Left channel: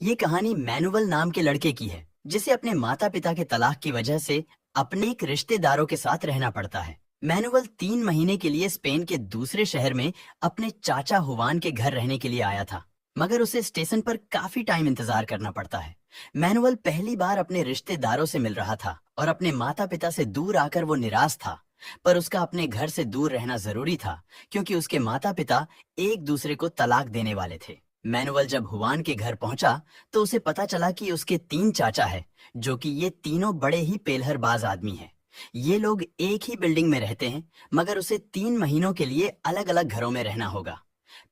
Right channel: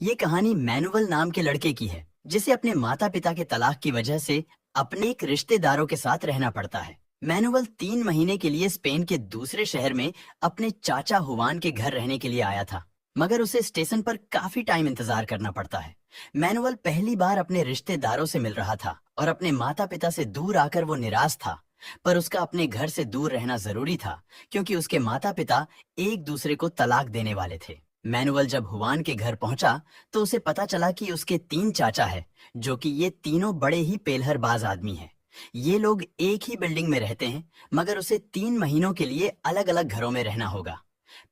ये कहानी मैनुअल नाम के लड़के की है जिसे अपने माता पिता के तलाक की वजह से अपने एक रिश्तेदारों के साथ रहना पड़ता है। मैनुअल 3 महीने के लिए स्पेन के दूसरे शहर में अपने चाचा हुवान के घर रहने के लिए आया था, मगर उसे स्टेशन पर काफी टाइम इंतजार करना पड़ता है। मैनुअल पहली बार अपने रिश्तेदारों से मिल रहा था और अपने माता पिता से दूर आकर वो निराश था। पर उसका अपने घर से दूर रहना जरूरी था क्योंकि उसके माता पिता एक दूसरे को तलाक देने वाले थे। मैनुअल जब हुवान के घर पहुंचा तो उसे पता चला कि उसके 3 चाचा है, जो कि ये तीनों बड़े ही पेलहरबाज आदमी हैं। ये लोग एक ही बिल्डिंग में रहते हैं, मगर उसे 3 महीनों के लिए अलग अलग घरों में रहना होगा।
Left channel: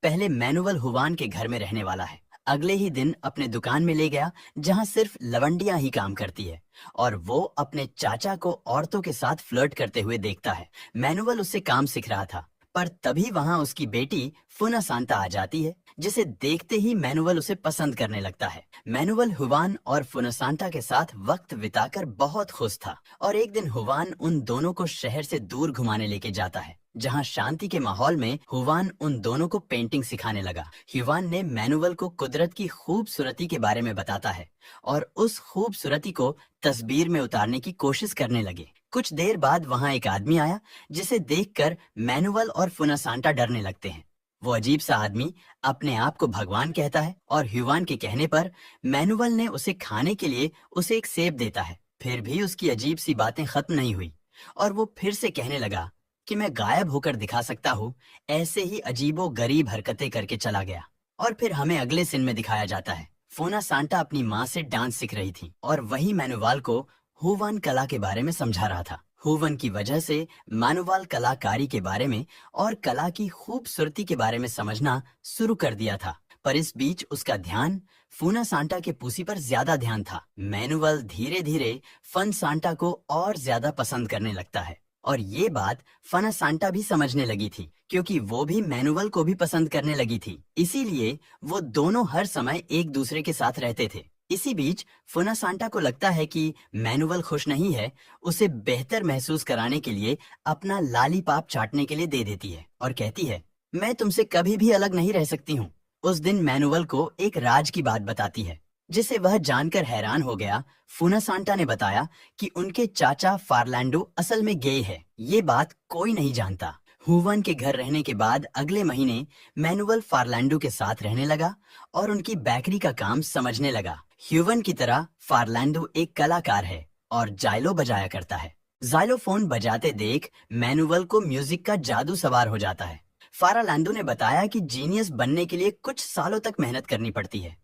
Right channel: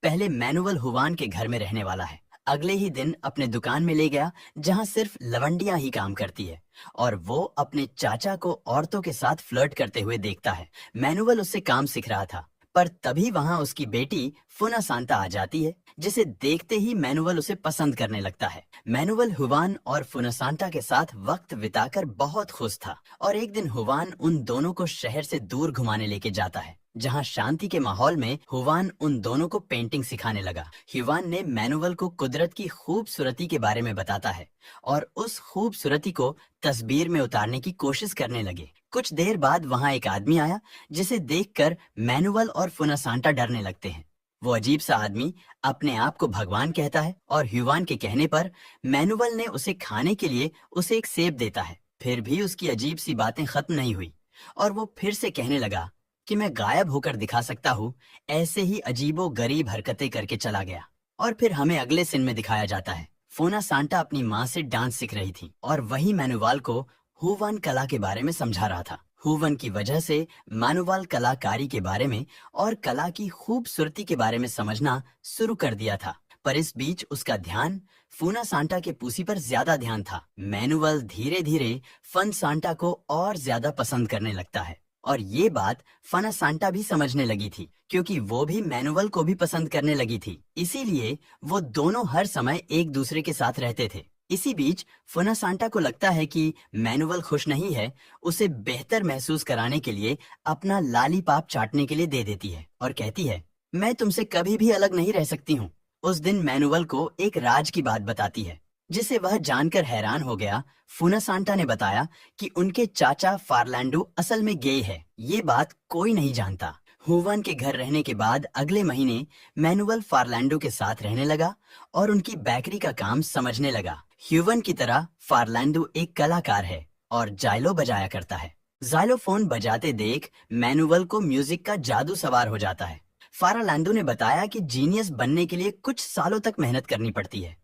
पहले मैनुअल हुवान के घर में रहने वाला है। अगले ही दिन अपने दुकान में ले गया जहां सिर्फ लवंडियां ही काम करती है और वो अपने चाचा को औरतों के साथ फ्लर्ट करते हुए देखता है। मैनुअल उससे काम सीख रहा था, पर तभी वहां उसकी बेटी फुना सांता आ जाती है, जिसे देखते ही मैनुअल उसे पसंद करने लगता है। मैनुअल हुवान और फुनासांटा के साथ वक्त बिताकर बहुत खुश था और एक दिन हुवान उन दोनों को शहर से दूर घुमाने लेके जाता है, जहां शांति के माहौल में हुवान उन दोनों को पेंटिंग सिखाने लगा। हुवान ने मैनुअल को कुदरत की खूबसूरती के बारे में बताता है और उस खूबसूरती को तस्वीर में उतारने की कोशिश करने लगे। कुछ देर बाद वहां एक आदमी आया जिसे देखकर मैनुअल और फुनासांटा डरने लगते हैं। वो अजीब सा आदमी अपने आप को भगवान कहता है और हुवान के कहने पर मैनुअल ने उसे खाने के लिए उसे एक सेब देता है। फिर भी उसकी अजीब सी बातें खत्म नहीं हुई और वो फिर से कहने लगा कि मैं गायब होकर दिखा सकता हूँ। ऐसे ही अजीबो गरीब हरकतें करके चला गया और फिर हमें अगले सीन में दिखाया जाता है। फोना सांता अपनी माँ से डांस सीख रही थी और वही मैनुअल को हुवान कला के बारे में समझा रहा था। हुवन की वजह से मैनुअल कलाकारी के बारे में और कला की खूबसूरती के बारे में समझना शुरू कर दिया था, पर इस बीच उसका ध्यान फूना सांता के पूसी पर ज्यादा ध्यान था। मैनुअल धीरे धीरे फन सांता को और ज्यादा पसंद करने लगता है और ये बात फना सांता भी समझने लगी थी, क्योंकि वो भी मैनुअल को भी पसंद करने लगी थी। इसीलिए वो दोनों हर समय एक दूसरे के साथ रहते थे। इसी बीच फुना सांता को लगता है कि मैनुअल खुश नहीं है, उसे बेहतर महसूस कराने के लिए अपना लालीपाप चाटने के लिए दे देती है और कहती है, मैं तुमसे कभी भी अलग नहीं रह सकती हूँ। उस दिन मैनुअल को एक राज की बात बताती है, जिसे वह जानकर हैरान हो गया। फुना सांता ने बताया कि उनके चाचा फार्लैंडो असल में गे है। ये बात कोई नहीं जानता। हुवान के घर रहने के बाद अगले महीने मैनुअल फार्लैंडो के साथ रहने लगा और उनकी बेकरी का काम समझने लगा। ह्यूवन की तरह फार्लैंडो एक कलाकार है और जाइलो बजाया करता है। जाइलोफोन बजाते देख मैनुअल को म्यूजिक का जादू सवार हो जाता है। फार्लैंडो ने बताया कि जीनियस बनने के लिए कुछ सालों तक मेहनत करनी पड़ती है।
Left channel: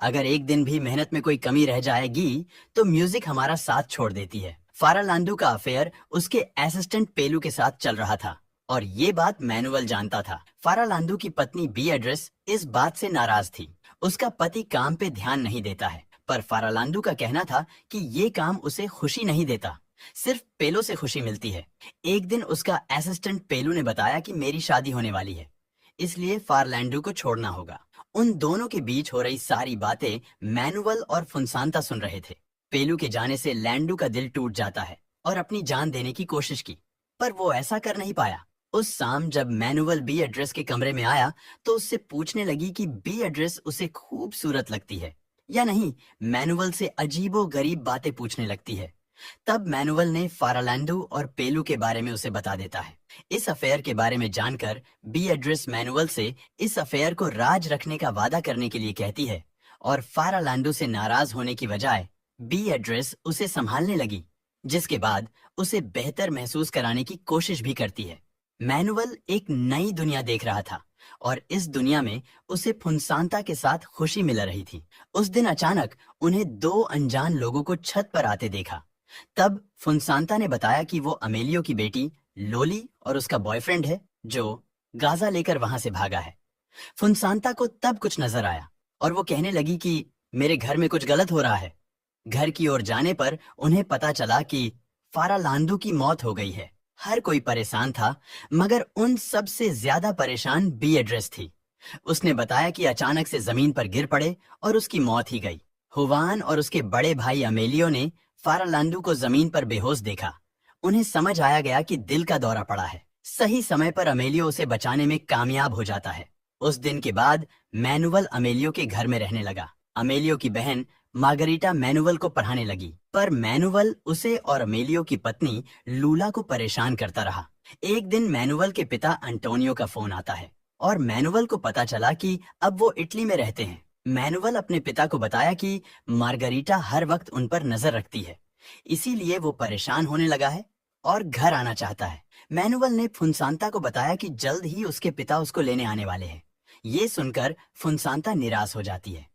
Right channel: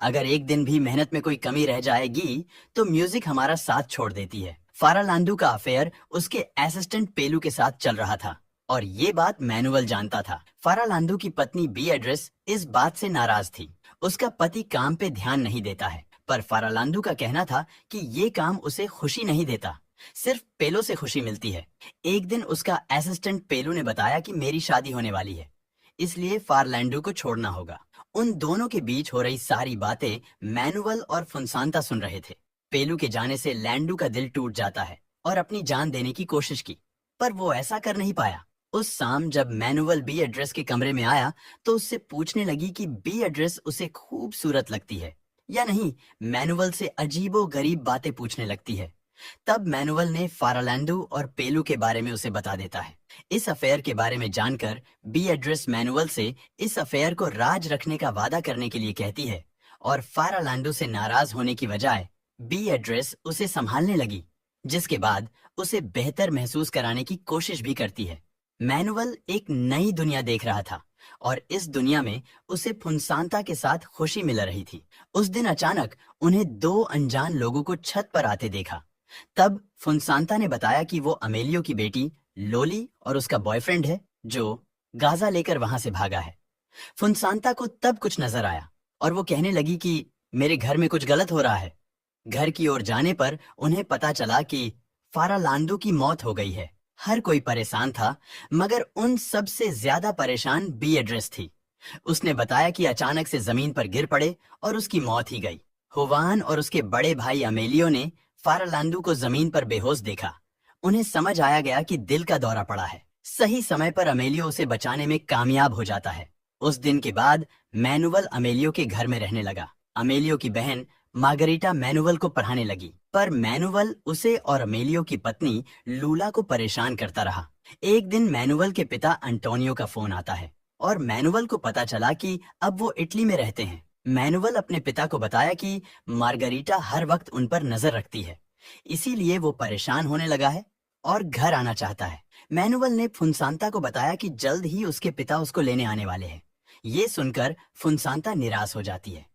अगर एक दिन भी मेहनत में कोई कमी रह जाएगी तो म्यूजिक हमारा साथ छोड़ देती है। फार्लैंडो का अफेयर उसके असिस्टेंट पेलू के साथ चल रहा था और ये बात मैनुअल जानता था। फार्लैंडो की पत्नी बी एड्रेस इस बात से नाराज थी। उसका पति काम पे ध्यान नहीं देता है, पर फार्लैंडो का कहना था कि ये काम उसे खुशी नहीं देता, सिर्फ पेलो से खुशी मिलती है। एक दिन उसका असिस्टेंट पेलू ने बताया कि मेरी शादी होने वाली है, इसलिए फार्लैंडो को छोड़ना होगा। उन दोनों के बीच हो रही सारी बातें मैनुअल और फुनसांता सुन रहे थे। पेलू के जाने से लैंडू का दिल टूट जाता है और अपनी जान देने की कोशिश की, पर वो ऐसा कर नहीं पाया। उस शाम जब मैनुअल बी एड्रेस के कमरे में आया तो उससे पूछने लगी कि बी एड्रेस उसे खूबसूरत लगती है या नहीं। मैनुअल से अजीबो गरीब बातें पूछने लगती है। तब मैनुअल ने फार्लैंडो और पेलू के बारे में उसे बता देता है। इस अफेयर के बारे में जानकर बी एड्रेस मैनुअल से इस अफेयर को राज रखने का वादा करने के लिए कहती है और फार्लैंडो से नाराज होने की बजाय बी एड्रेस उसे संभालने लगी, जिसके बाद उसे बेहतर महसूस कराने की कोशिश भी करती है। मैनुअल एक नई दुनिया देख रहा था और इस दुनिया में उसे फुनसांता के साथ खुशी मिल रही थी। उस दिन अचानक उन्हें 2 अनजान लोगों को छत पर आते देखा। तब फुनसांता ने बताया कि वो अमेलियो की बेटी लोली और उसका बॉयफ्रेंड है, जो गाजा लेकर वहां से भागा है। फुनसांता को तब कुछ नजर आया और वो कहने लगी कि मेरे घर में कुछ गलत हो रहा है। घर की ओर जाने पर उन्हें पता चला कि फार्लैंडो की मौत हो गई है। हर कोई परेशान था, मगर उन सब से ज्यादा परेशान बी एड्रेस थी। उसने बताया कि अचानक से जमीन पर गिर पड़े और उसकी मौत ही गई। हुवान और उसके बड़े भाई अमेलियो ने फार्लैंडो को जमीन पर बेहोश देखा। उन्हें समझ आया गया कि दिल का दौरा पड़ा है। सही समय पर अमेलियो उसे बचाने में कामयाब हो जाता है। उस दिन के बाद मैनुअल अमेलियो के घर में रहने लगा अमेलियो की बहन मार्गरीटा मैनुअल को पढ़ाने लगी, पर मैनुअल उसे और अमेलियो की पत्नी लूला को परेशान करता रहा। एक दिन मैनुअल के पिता अंटोनियो का फोन आता है और मैनुअल को पता चला कि अब वो इटली में रहते हैं। मैनुअल अपने पिता को बताया कि मार्गरीटा हर वक्त उन पर नजर रखती है, इसीलिए वो परेशान होने लगा है और घर आना चाहता है। मैनुअल ने फुनसांता को बताया कि जल्द ही उसके पिता उसको लेने आने वाले हैं। ये सुनकर फुनसांता निराश हो जाती है।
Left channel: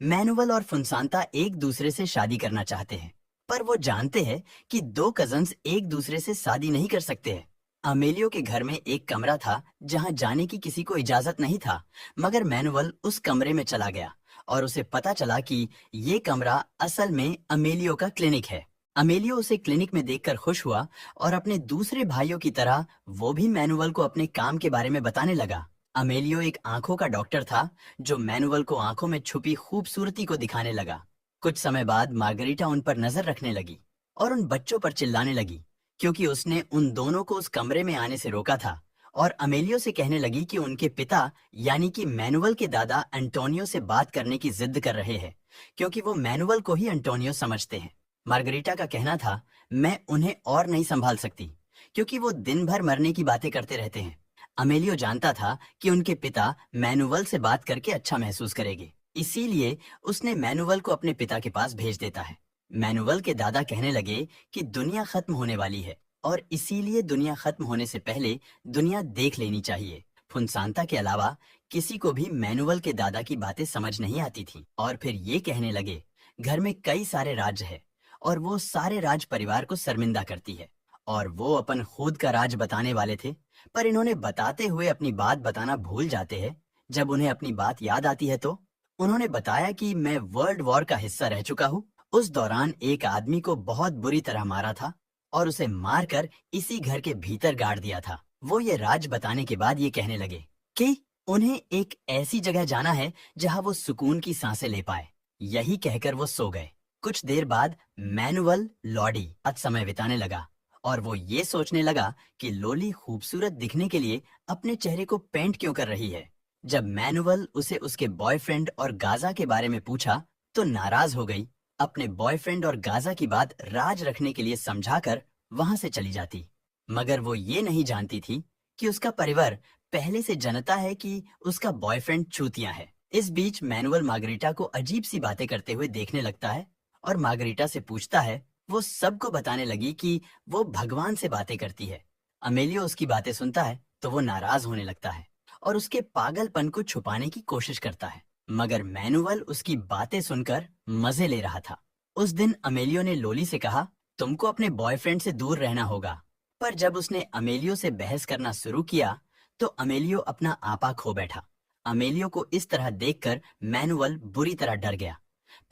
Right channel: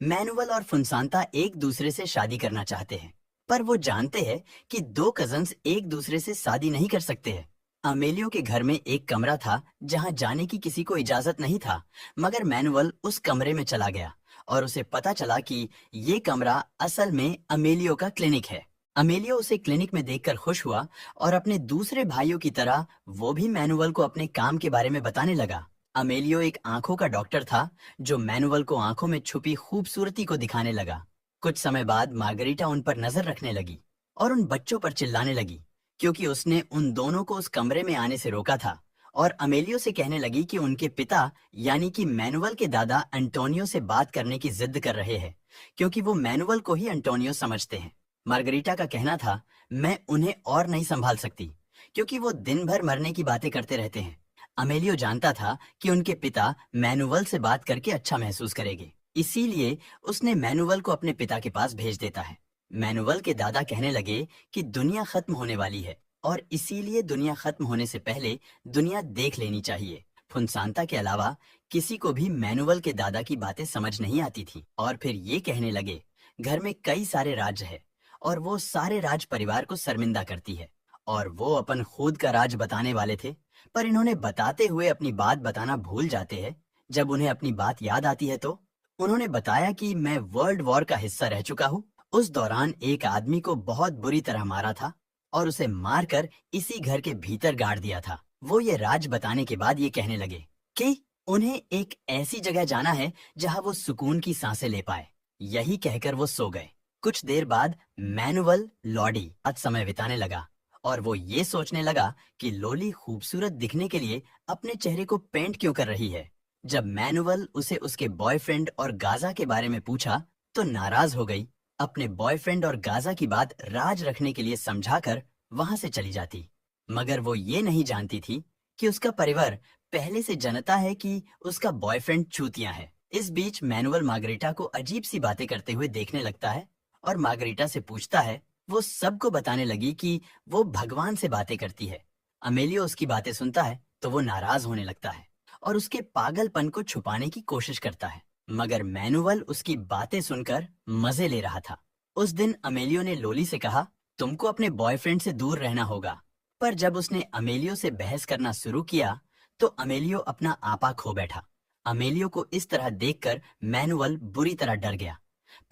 मैनुअल और फुनसांता एक दूसरे से शादी करना चाहते हैं, पर वो जानते हैं कि दो कजन्स एक दूसरे से शादी नहीं कर सकते हैं। अमेलियो के घर में एक कमरा था जहां जाने की किसी को इजाजत नहीं था, मगर मैनुअल उस कमरे में चला गया और उसे पता चला कि ये कमरा असल में अमेलियो का क्लिनिक है। अमेलियो उसे क्लिनिक में देखकर खुश हुआ और अपने दूसरे भाइयों की तरह वो भी मैनुअल को अपने काम के बारे में बताने लगा। अमेलियो एक आंखों का डॉक्टर था जो मैनुअल को आंखों में छुपी खूबसूरती को दिखाने लगा। कुछ समय बाद मार्गरीटा उन पर नजर रखने लगी और उन बच्चों पर चिल्लाने लगी, क्योंकि उसने उन दोनों को उस कमरे में आने से रोका था, और अमेलियो से कहने लगी कि उनके पिता यानी कि मैनुअल के दादा एंटोनियो से बात करने की जिद कर रहे हैं, क्योंकि वो मैनुअल को ही एंटोनियो समझते हैं। मार्गरीटा का कहना था, मैं उन्हें और नहीं संभाल सकती, क्योंकि वो दिन भर मरने की बातें करते रहते हैं। अमेलियो जानता था कि उनके पिता मैनुअल से बात करके अच्छा महसूस करेंगे, इसीलिए उसने मैनुअल को अपने पिता के पास भेज देता है। मैनुअल के दादा कहने लगे कि दुनिया खत्म होने वाली है और इसीलिए दुनिया खत्म होने से पहले दुनिया देख लेनी चाहिए। फुनसांता के अलावा किसी को भी मैनुअल के दादा की बातें समझ नहीं आती थी, और फिर ये कहने लगे, घर में कई सारे राज्य है और वो सारे राज परिवार को शर्मिंदा करती है, और वो अपन खुद का राज बताने वाले थे, पर इन्होंने बताते हुए अपनी बात बताना भूल जाते हैं। जब उन्हें अपनी बात याद आती है तो उन्होंने बताया कि मैं वर्ल्ड वॉर का हिस्सा रह चुका हूँ। उस दौरान एक आदमी को बहुत बुरी तरह मारा था और उसे मारकर इसी घर के भीतर गाड़ दिया था। वो ये राज बताने के बाद ये कहने लगे कि उन्हें एक ऐसी जगह जाना है जहाँ वो सुकून की सांसें ले पाए। यही कहकर वो सो गए। कुछ देर बाद मैनुअल लॉडी आज समय बिताने लगा और वो ये सोचने लगा कि लोली खूबसूरत दिखने के लिए अपने चेहरे को पेंट क्यों कर रही है। जब मैनुअल उसे उसके बॉयफ्रेंड और गाजा के बारे में पूछा तो नाराज हो गई। अपने बॉयफ्रेंड और गाजा की बात राज रखने के लिए समझाकर वहां से चली जाती, मगर वो ये नहीं जानती थी कि उसका परिवार पहले से जानता है कि उसका बॉयफ्रेंड चूतिया है। इस बीच मैनुअल मार्गरीटा को अजीब सी बातें करते हुए देखने लगता है और मार्गरीटा से पूछता है। वो सबको बताने लगी कि वो भगवान से बातें करती है। अमेलियो उसकी बातें सुनता है तो वो नाराज होने लगता है और उसके पागलपन को छुपाने की कोशिश करता है, मगर मैनुअल उसकी बातें सुनकर मजे ले रहा था। उस दिन अमेलियो ने लोली से कहा, तुमको अपने बॉयफ्रेंड से दूर रहना होगा, पर जब उसने अमेलियो से बहस करना शुरू किया तो अमेलियो अपना आपा खो बैठा। अमेलियो को इस तरह देखकर मैनुअल बुरी तरह डर गया,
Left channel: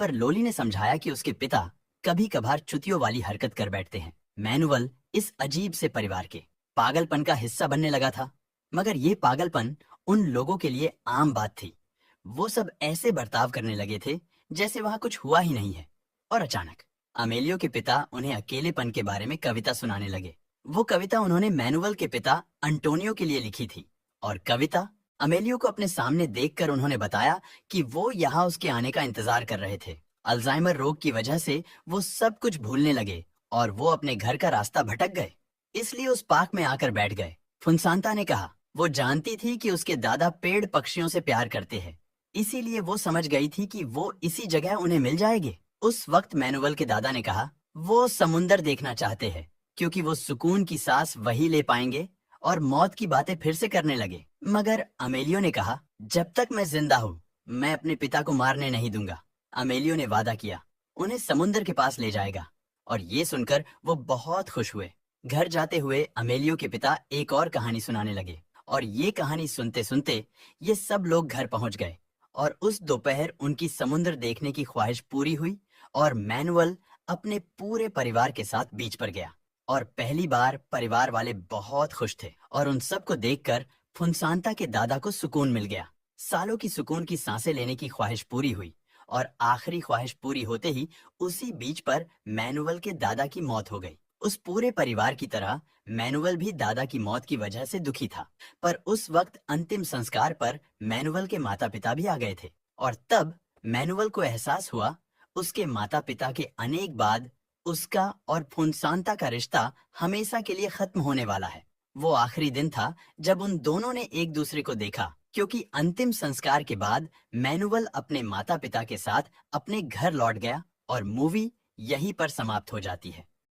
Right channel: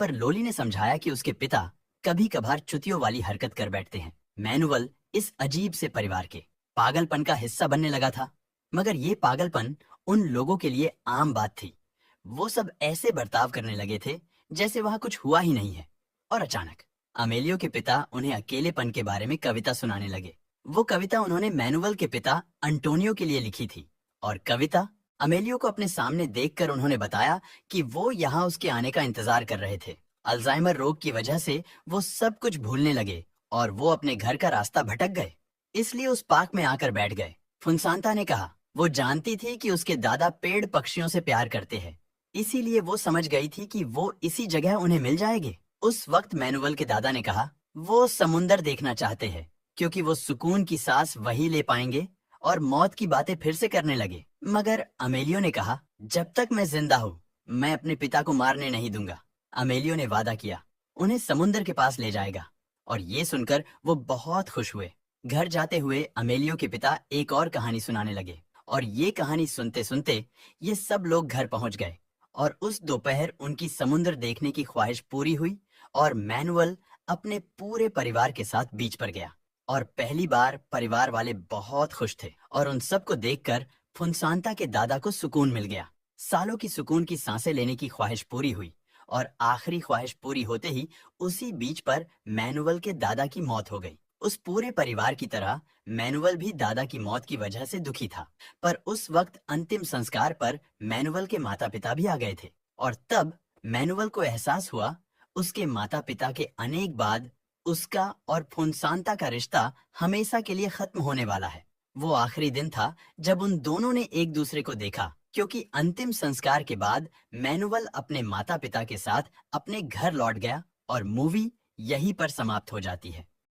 पर लोली ने समझाया कि उसके पिता कभी कभार चुतियों वाली हरकत कर बैठते हैं। मैनुअल इस अजीब से परिवार के पागलपन का हिस्सा बनने लगा था, मगर ये पागलपन उन लोगों के लिए आम बात थी। वो सब ऐसे बर्ताव करने लगे थे जैसे वहां कुछ हुआ ही नहीं है। और अचानक अमेलियो के पिता उन्हें अकेलेपन के बारे में कविता सुनाने लगे। वो कविता उन्होंने मैनुअल के पिता अंटोनियो के लिए लिखी थी, और कविता अमेलियो को अपने सामने देखकर उन्होंने बताया कि वो यहाँ उसके आने का इंतजार कर रहे थे। अल्जाइमर रोग की वजह से वो सब कुछ भूलने लगे और वो अपने घर का रास्ता भटक गए, इसलिए उस पार्क में आकर बैठ गए। फुनसांता ने कहा, वो जानती थी कि उसके दादा पेड़ पक्षियों से प्यार करते हैं, इसीलिए वो समझ गई थी कि वो इसी जगह उन्हें मिल जाएंगे। उस वक्त मैनुअल के दादा ने कहा, वो समुंदर देखना चाहते हैं क्योंकि वो सुकून की सांस वही ले पाएंगे, और मौत की बातें फिर से करने लगे। मगर अमेलियो ने कहा, जब तक मैं जिंदा हूँ मैं अपने पिता को मारने नहीं दूंगा। अमेलियो ने वादा किया उन्हें समुंदर के पास ले जाएगा, और ये सुनकर वो बहुत खुश हुए। घर जाते हुए अमेलियो के पिता एक और कहानी सुनाने लगे, और ये कहानी सुनते सुनते ये सब लोग घर पहुंच गए, और उस दोपहर उनकी समुंदर देखने की ख्वाहिश पूरी हुई और मैनुअल अपने पूरे परिवार के साथ बीच पर गया। और पहली बार परिवार वाले बहुत खुश थे, और उन सबको देखकर फुनसांता के दादा को सुकून मिल गया। सालों की सुकून की सांसें लेने की ख्वाहिश पूरी हुई, और आखिरी ख्वाहिश पूरी होते ही उसी बीच पर मैनुअल के दादा की मौत हो गई। उस पूरे परिवार की तरह मैनुअल भी दादा की मौत की वजह से दुखी था, पर उस वक्त अंतिम संस्कार पर मैनुअल के माता पिता भी आ गए थे, और तब मैनुअल को एहसास हुआ उसके माता पिता के अनेक बाद उसका और फुनसांता का रिश्ता हमेशा के लिए खत्म होने वाला है। वो आखिरी दिन था जब उन दोनों ने एक दूसरे को देखा, क्योंकि अंतिम संस्कार के बाद मैनुअल अपने माता पिता के साथ अपने घर लौट गया और मूवी यहीं पर समाप्त हो जाती है।